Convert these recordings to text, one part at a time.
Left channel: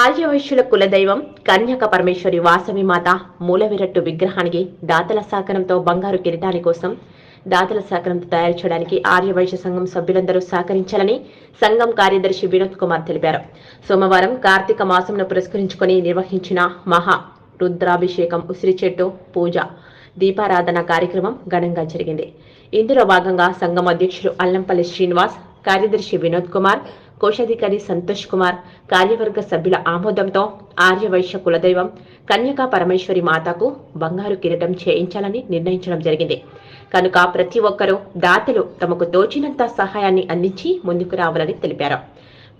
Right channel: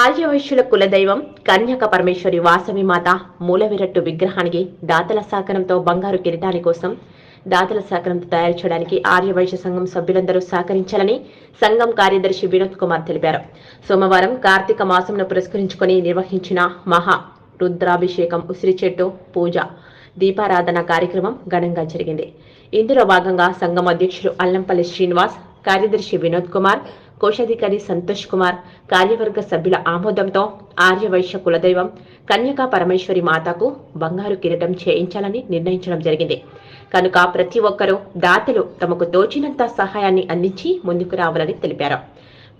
ఆర్యవైశ్యుల కులదైవం కన్యక పరమేశ్వరి వాసవి మాత మూలవిరట్టు విగ్రహానికి దాతల సహకారంతో బంగారు కిరీటాని కోసం దాతల సహకారంతో తయారు చేయడానికి ఆర్యవైశ్య సంఘం సభ్యులందరూ సహకరించాలని సంఘం కార్యదర్శి వినోద్ కుమార్ తెలిపారు. సోమవారం కార్తీక మాసంను పురస్కరించుకొని నిర్వహించిన మహా రుద్రాభిషేకం ఉసిరి చెట్టు పూజ దీపారాధన కార్యక్రమం ఘనంగా జరిగింది. ఇందులో భాగంగా సంఘం అధ్యక్షులు అల్లంపల్లి శ్రీనివాస్ కార్యదర్శి వినోద్ కుమార్ కోశాధికారి సంతోష్ కుమార్ కార్యవర్గ సభ్యుల ఆమోదంతో ఆర్యవైశ్య కులదైవం కన్యకా పరమేశ్వరి మాతకు బంగారు కిరీటం చేయించాలని నిర్ణయించడం జరిగింది. కనుక ప్రతి ఒక్కరూ దాతలు తమకు తోచినంత సహాయాన్ని అందించి ముందుకు రావాలని తెలిపారు.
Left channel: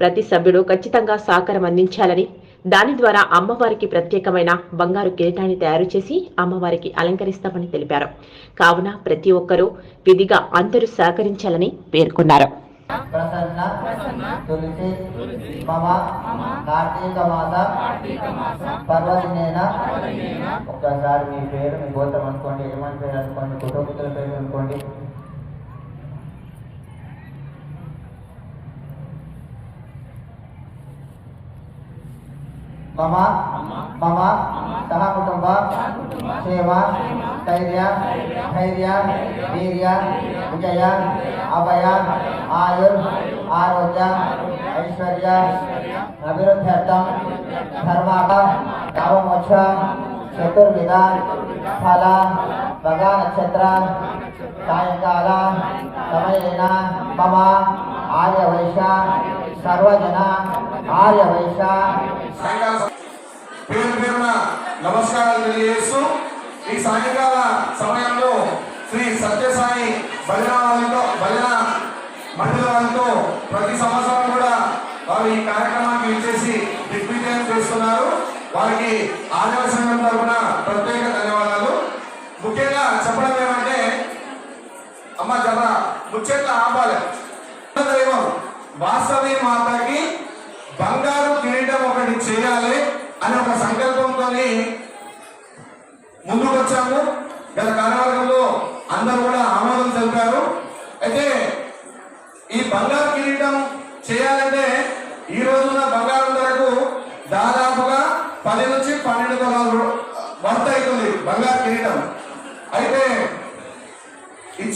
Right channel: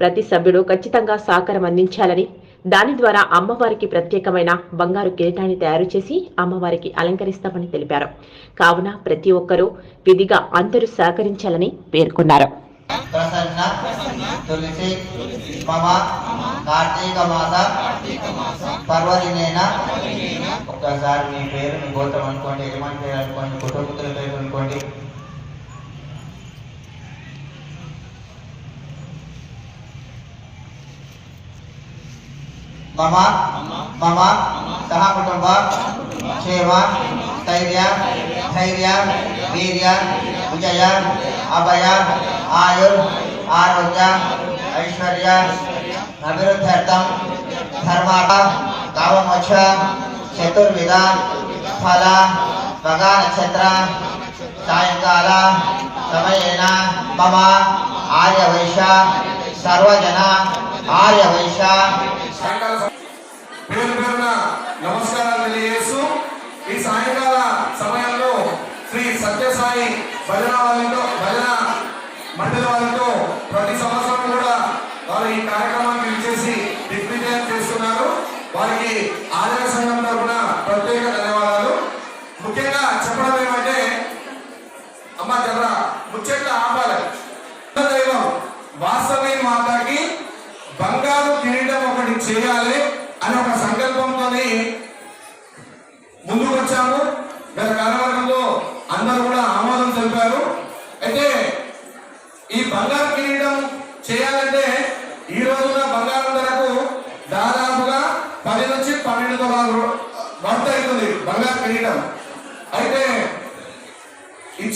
ప్రతి సభ్యుడు ఖచ్చితంగా సహకారం అందించాలని దాని ద్వారా అమ్మవారికి ప్రత్యేకమైన బంగారు కిరీటాన్ని తయారు చేసి అమ్మవారికి అలంకరిస్తామని తెలిపారు. కావున ప్రతి ఒక్కరూ విధిగా అందరూ సహకరించాలని పేర్కొన్నారు. ప్రసన్న తులసి మమ కార్తీక మాస పర్వదినేన ఒక్కసారి మీ పేరు మీ గోత్రం అనుకోండి యజమాని పేరు అనుకోండి కుటుంబతుల పేరు అనుకోండి మమ మమ సహ కుటుంబ క్షేమ స్థైర్య ధైర్య వీర్య విజయ అభయ ఆయుర్ ఆరోగ్య ఐశ్వర్య అభివృద్ధ్యర్థం ధర్మ కామమోక్ష చతుర్విధ ఫల మగ నక్షత్ర సాయంకాల సమయేన మమ ఆర్యవైశ సర్వజన ఆర్యవైశ. పేరు పేరున నమస్కారాలు తెలియజేస్తూ ఈ సాయంకాల సమయంలో శ్రీ సత్యసాయి భజన వాళ్ళతో ప్రతి సంవత్సరం కూడా వారు ఈ కార్యక్రమానికి విచ్చేసి దిగ్విజయం చేస్తున్నారు. వారికి ఆదాయ సంఘం తరఫున ప్రత్యేక ధన్యవాదాలు. ముఖ్యంగా చెప్పడం ఏమంటే అమ్మ జర ముఖ్యంగా ఆపాలి. దైవం మాతకి బంగారు కిరీటం ఒకటి చేయాలి అనే ఒక సంకల్పంతో ముందుకు వచ్చాము గత కార్యవర్గంలో అందరూ కూడా ఆమోదం తెలిపారు అయితే ఈ బంగారు కిరీటం చేయాలంటే ఈ రోజున బంగారం ధరకు దాదాపుగా పది నుంచి పన్నెండు తొలాలు వర్త అవుతుంది బంగారు కిరీటం అయితే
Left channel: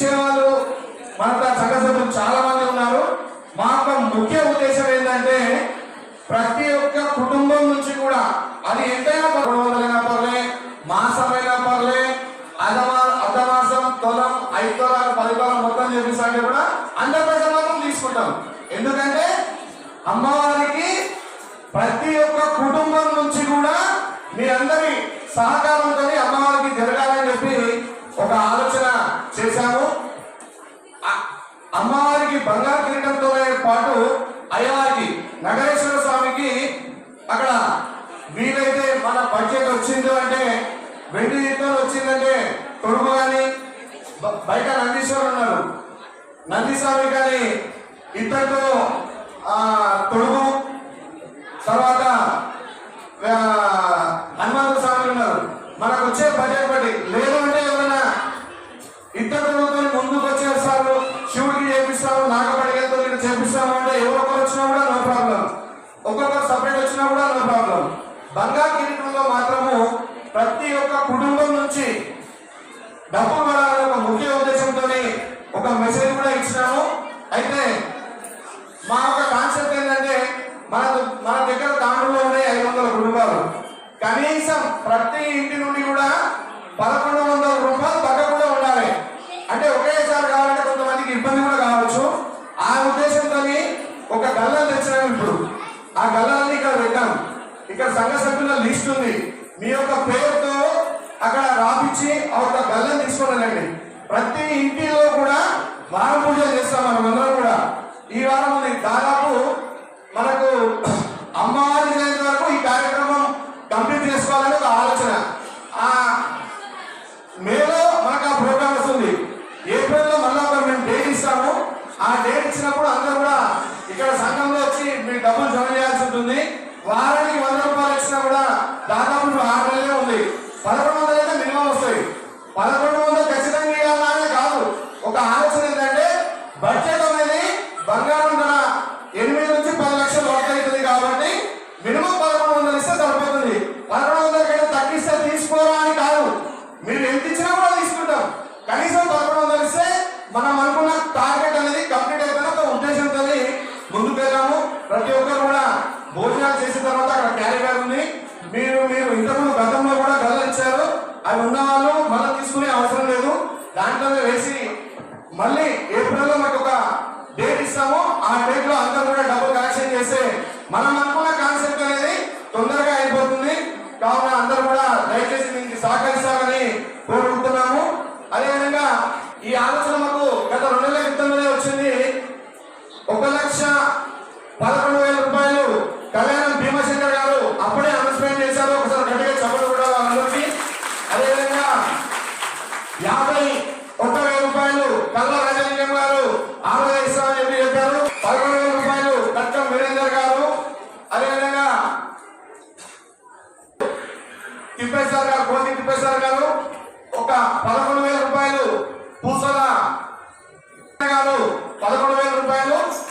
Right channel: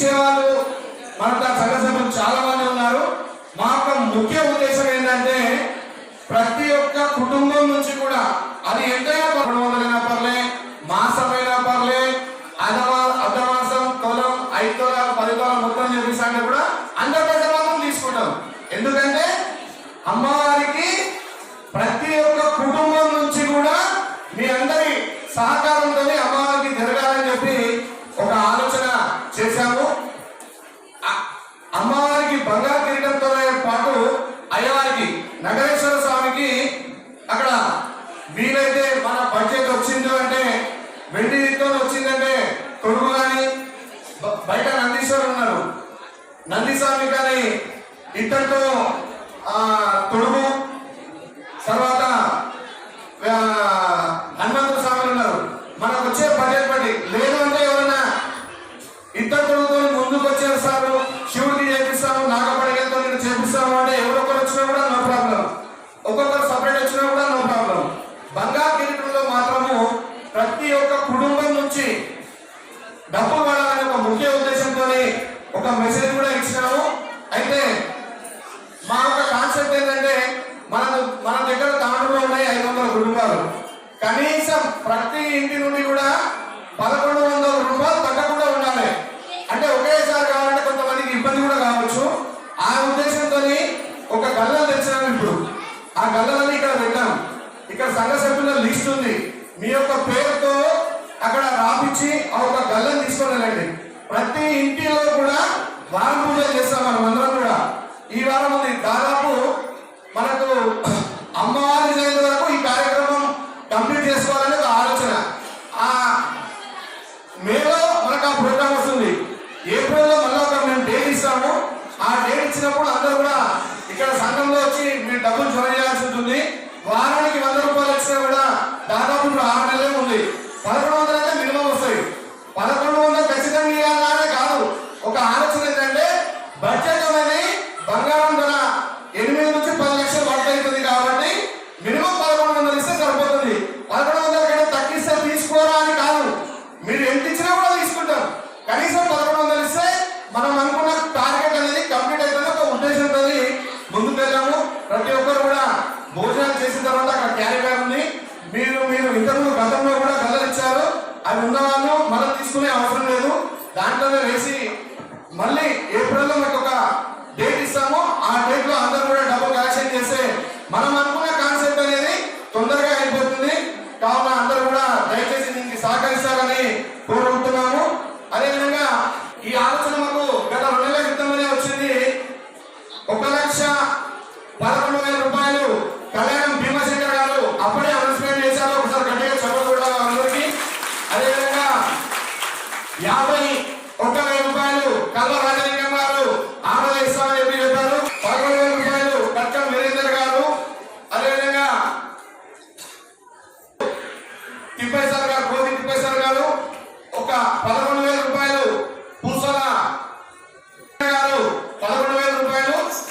ఇచ్చేవాళ్ళు. మన సంఘ సభ్యులు చాలా మంది ఉన్నారు. మా యొక్క ముఖ్య ఉద్దేశం ఏంటంటే ప్రతి ఒక్క కుటుంబం నుంచి కూడా అది ఎంతైనా రెండు పర్లే మాసమైనా పర్లే అధమా అర్ధమాసం తొలం ఐదు తొలాలు పది తొలం మొత్తం చేపిస్తాంటే కూడా అందరి పెద్ద మాత్రం తీసుకుంటాం. ఎందుకంటే అమ్మవారికి ప్రతి ఒక్క కుటుంబం నుంచి కూడా మీ అందరి సహకారంతో అమ్మవారి బడ్జెట్ వచ్చిందో అంటే వెండి తో వచ్చిందంటే కొడుకు కానీ బయట నందీశ్వర్ ఉన్నారు నందీస్వామి కానీ ఇద్దరితో ఆ, తొడుగు తర్వాత మా యొక్క కాన్సెప్ట్ ఏంటంటే మన మన దగ్గర దాంట్లో ఉన్నాయి ఐదు వందల రూపాయలు. కనీసం ప్రతి ఇంటి నుండి కూడా పదకొండు వందల రూపాయలు తగ్గకుండా ఉండాలి. అంటే ఒకేసారి కావాలంటే కొంతమందికి ఇబ్బంది కూడా కావచ్చు. ఆ ఉద్దేశంతో ఒక గల్లం తెచ్చినాము ఇప్పుడు. ఆ గల్లని ఇక్కడ పెట్టాం. ఇక్కడ సంఘ సభ్యుల లిస్ట్ ఉంది. మీ యొక్క పేరుతో అక్కడ రాపించి ఆ ఒక గల్లని తీసుకోవాలండి ప్రతి ఇంటిలో కూడా వారం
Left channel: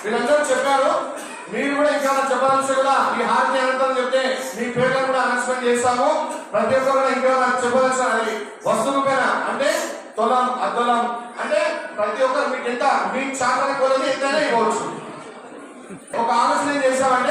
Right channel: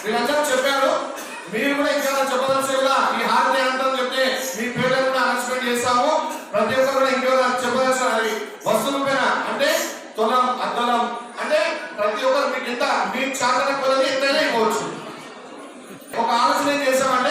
వీళ్ళందరూ చెప్పారు. మీరు కూడా ఇంకా చెప్పదలుచు కూడా మీ హారతి అనంతరం చెప్తే మీ పేర్లను కూడా అనౌన్స్మెంట్ చేస్తాము. ప్రతి ఒక్కరు కూడా ఇంకా చెప్పదలసిన అది వస్తువు పైన అంటే తులం అద్దలం. అంటే ప్రతి ఒక్కరు మీకు ఎంత? మీ చాకర కొలది ఎంతైనా ఇవ్వచ్చు. ఒక ఆలోచన ఏం చేసామంటే